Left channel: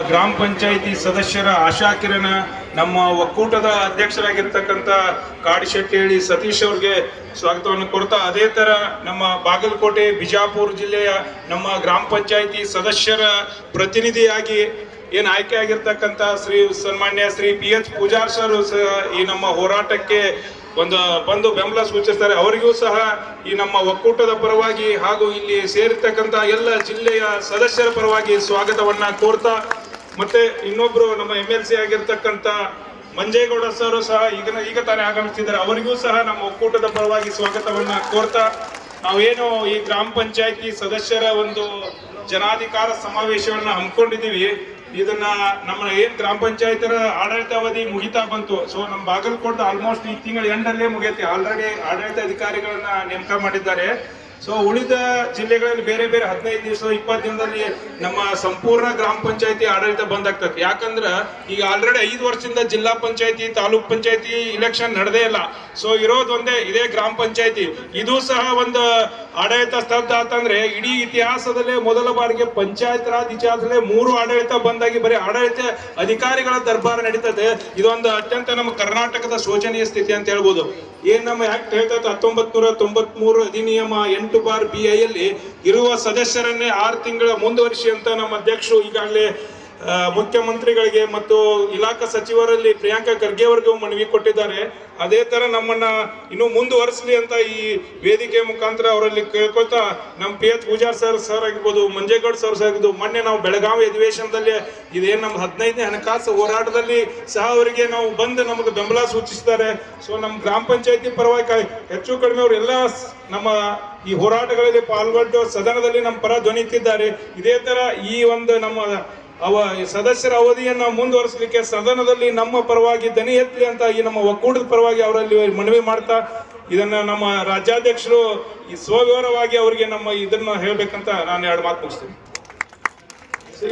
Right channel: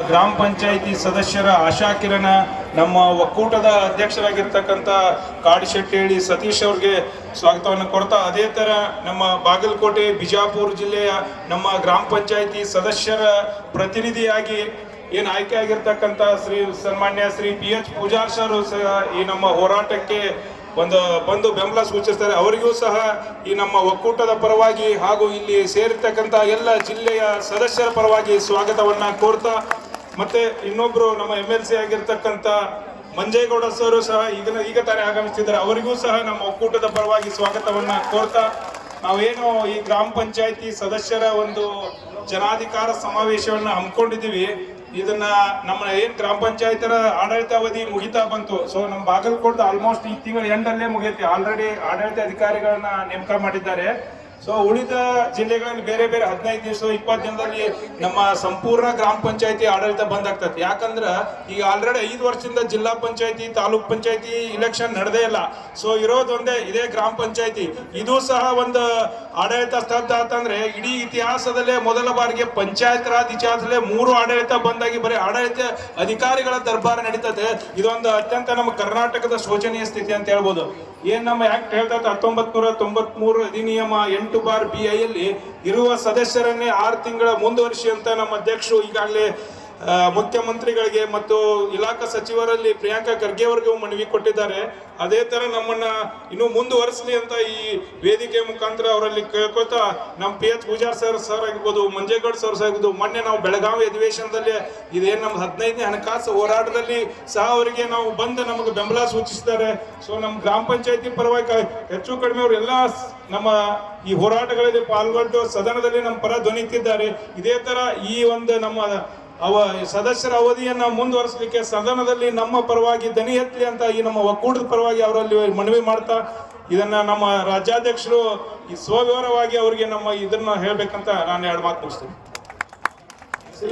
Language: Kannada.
ಗ್ರಾಮ ಪಂಚಾಯಿತಿ ಸದಸ್ಯರ ಆಶಾ ಕಿರಣ ನಮ್ಮ ಒಕ್ಕೂಟದ ಅಧ್ಯಕ್ಷರಾಗಿರ್ತಕ್ಕಂಥ ಕಾಡಿಶೆಟ್ಟಿ ಸತೀಶ್ ಅವ್ರಿಗೆ ಸ್ವಾಗತವನ್ನು ಕೊಡ್ತಾ, ಅದೇ ತರ ನಮ್ಮ ಬಾಗಲಕೋಟೆ ಬಿಜಾಪುರ ಜಿಲ್ಲೆಯ ನಮ್ಮ ಗ್ರಾಮ ಪಂಚಾಯಿತಿ ಸದಸ್ಯರ ಪ್ರತಿನಿಧಿಯಾಗಿ ಏನು ಆಯ್ಕೆ ಆಗಿರ್ತಕ್ಕಂಥ ಸನ್ಮಾನ್ಯ ಶ್ರೀ PH ಪೂಜಾರ್ ಸರ್ ಈ ನಮ್ಮ ಹೋರಾಟಕ್ಕೆ ಬಂದು ಬೆಂಬಲ ಸೂಚಿಸ್ತಾರೆ. ಅವರಿಗೂ ಸಹ ಈ ನಮ್ಮ ಒಕ್ಕೂಟದ ಪರವಾಗಿ ಹಾಗೂ ಇಲ್ಲಿ ಸೇರಿರ್ತಕ್ಕಂಥ ಎಲ್ಲ ಜಿಲ್ಲೆಯ ಸದಸ್ಯರ ಪರವಾಗಿ ಸ್ವಾಗತವನ್ನ ಕೋರ್ತಾ, ಮತ್ತೆ ಇನ್ನೊಬ್ರು ನಮ್ಮ MLC ಆಗಿರ್ತಕ್ಕಂಥ ಮಂಜೇಗೌಡ ಸರ್ ಸಹ ಈಗ ತಾನೇ ಆಗಮಿಸ್ತಿದ್ದಾರೆ. ಅವರಿಗೂ ಸಹ ನಮ್ಮ ಒಕ್ಕೂಟದ ಪರವಾಗಿ ಸ್ವಾಗತವನ್ನ ಕೋರ್ತಾ, ನಾವೇನು ಈ ಗ್ರಾಮ ಪಂಚಾಯಿತಿ ಸದಸ್ಯರ ಒಂದು ಜನಾಧಿಕಾರ ಸಮಾವೇಶವನ್ನ ಹಮ್ಮಿಕೊಂಡಿದ್ದೀವಿ, ಇದನ್ನ ನಮ್ಮ ಏನ್ ಗ್ರಾಮ ಪಂಚಾಯತರ ಆಡಳಿತಾವಧಿ ಮುಗಿತಾ ಬಂತು. ಸೊ ನಮ್ಮ ಬಾಗಲಕೋಟೆ ಆಲ್ಮೋಸ್ಟ್ ಈ ತಿಂಗಳ ಎಂಡಲ್ಲೇ ಮುಗಿಯುತ್ತೆ. ಆಲ್ರೆಡಿ ಆಡಳಿತ ಅಧಿಕಾರಿಗಳನ್ನ ನೇಮಕ ಮಾಡಿದ್ದಾರೆ. ಸೊ ಉಳಿದ ಜಿಲ್ಲೆಗಳಲ್ಲಿ ಬೇರೆ 15 ದಿವಸ 20 ದಿನದಲ್ಲಿ ನಮ್ಮ ಸಂಪೂರ್ಣ ಗ್ರಾಮ ಪಂಚಾಯತಿ ಆಡಳಿತ ಬಂದಾಗ್ತದೆ. ಯಾಕಂದ್ರೆ ಈಗ ಆಲ್ರೆಡಿ 5 ವರ್ಷದಿಂದ ಜಿಲ್ಲಾ ಪಂಚಾಯತಿ ತಾಲೂಕ್ ಪಂಚಾಯತಿ ಇಲೆಕ್ಷನ್ ನಡೆದೇ ಇಲ್ಲ. ಸೊ ಇರೋದೊಂದೇ ಇದೇ ಗ್ರಾಮ ಪಂಚಾಯತಿ. ಇದು ಸಹ ಒಂದು ಆಡಳಿತ ಸ್ತಬ್ಧ ಆತಂದ್ರೆ ಇಡೀ ಇತಿಹಾಸದಲ್ಲೇ ಮೊದಲ ಬಾರಿಗೆ ಪಂಚಾಯತ್ ರಾಜ್ ಇತಿಹಾಸದಲ್ಲೇ 3 ಆಡಳಿತ ಬಂದಾಗಿ ಬರೀ ಆಡಳಿತ ಅಧಿಕಾರಿಗಳ ದರ್ಬಾರ ನಡೀತದೆ. ಇದೊಂದು ಅತ್ಯಂತ ನಮ್ಮ ಕರ್ನಾಟಕದ ಶೋಚನೀಯ ಸ್ಥಿತಿ ಅಂತ ಹೇಳ್ಬೋದು. ಏನ್ ನಮ್ಮ ಆಕ್ಟ್ ಹೇಳ್ತದೆ 1993 ಅಧಿನಿಯಮ 8/BI ಇರುವ ಸದಸ್ಯರನ್ನೇ 6 ತಿಂಗಳ ಮುಂದುವರಿಸಿ ಅಂತ ನಮ್ಮ ಅಧ್ಯಕ್ಷರು ಈಗಾಗಲೇ ಮುಖ್ಯಮಂತ್ರಿಗಳಿಗೆ ಮತ್ತು ಇಲಾಖಾ ಸಚಿವರಲ್ಲಿ ಪ್ರಿಯಾಂಕಾ ಖರ್ಗೆ ಅವರಿಗೂ ಮನವಿ ಕೊಟ್ಟಿದ್ದಾರೆ. ಅದೇ ತರ ನಮ್ಮನ್ನ ಇನ್ನೂ ಮುಂದುವರಿಸಲಿ ಅಂತ ಈ ವೇದಿಕೆ ಮುಖಾಂತರ ಅವರಲ್ಲಿ ಕೇಳ್ಕೊಳ್ತಾ, ನಮ್ಮ PH ಪೂಜಾರ್ ಸರ್ ಆಗಿರ್ಬೋದು, ಮಂಜೇಗೌಡ ಸರ್ ಆಗಿರ್ಬೋದು, ಮೊನ್ನೆ ನಾವು ಬೆಳಗಾವಿ ಅಧಿವೇಶನದಲ್ಲಿ ಇದೇನು ನಮ್ಮ 15ನೇ ಹಣಕಾಸು ಹೋರಾಟದಲ್ಲಿ ಸಹ ಅವರಿಗೆ ನಾವು ಬಂದು ನಮಗೆ ಬೆಂಬಲ ಸೂಚಿಸಿದ್ದಾರೆ. ಸೊ ನಮ್ಮ ಗ್ರಾಮ ಪಂಚಾಯತಿ ಪರವಾಗಿ ಹೆಚ್ಚು ಕಡಿಮೆ ಅವರು ಎಲ್ಲ ನಮ್ಮ ಈ ಹೋರಾಟಗಳಲ್ಲಿ ಪಾಲ್ಗೊಂಡು ಸದನದಲ್ಲಿ ನಮ್ಮ ಪರ ಧ್ವನಿತಿದ್ದಾರೆ. ಇದೇ ತರ ಈ ಒಂದು ನಮ್ಮ ಸದಸ್ಯರ ಅವಧಿಯನ್ನ ಮುಂದುವರಿಸಲಿಕ್ಕೆ ಸದನದಲ್ಲಿ ನಮ್ಮ ಪರವಾಗಿ ಧ್ವನಿ ಎತ್ತಲಿ ಅಂತ ಈ ನಮ್ಮ ಒಕ್ಕೂಟದ ಪರವಾಗಿ ಅವರಲ್ಲಿ ಮನವಿ ಮಾಡ್ತಾ, ಇದನ್ನ ನಮ್ಮ ರಾಜ್ಯಾಧ್ಯಕ್ಷರು ಈ ಸ್ವವಿವರವಾಗಿ ಅವರಿಗೆ ನಮ್ಮ ಇದನ್ನ ಹೇಳ್ಬೇಕಂತ ನಾನು 2 ಮಾತು ಮುಗಿಸ್ತೀನಿ.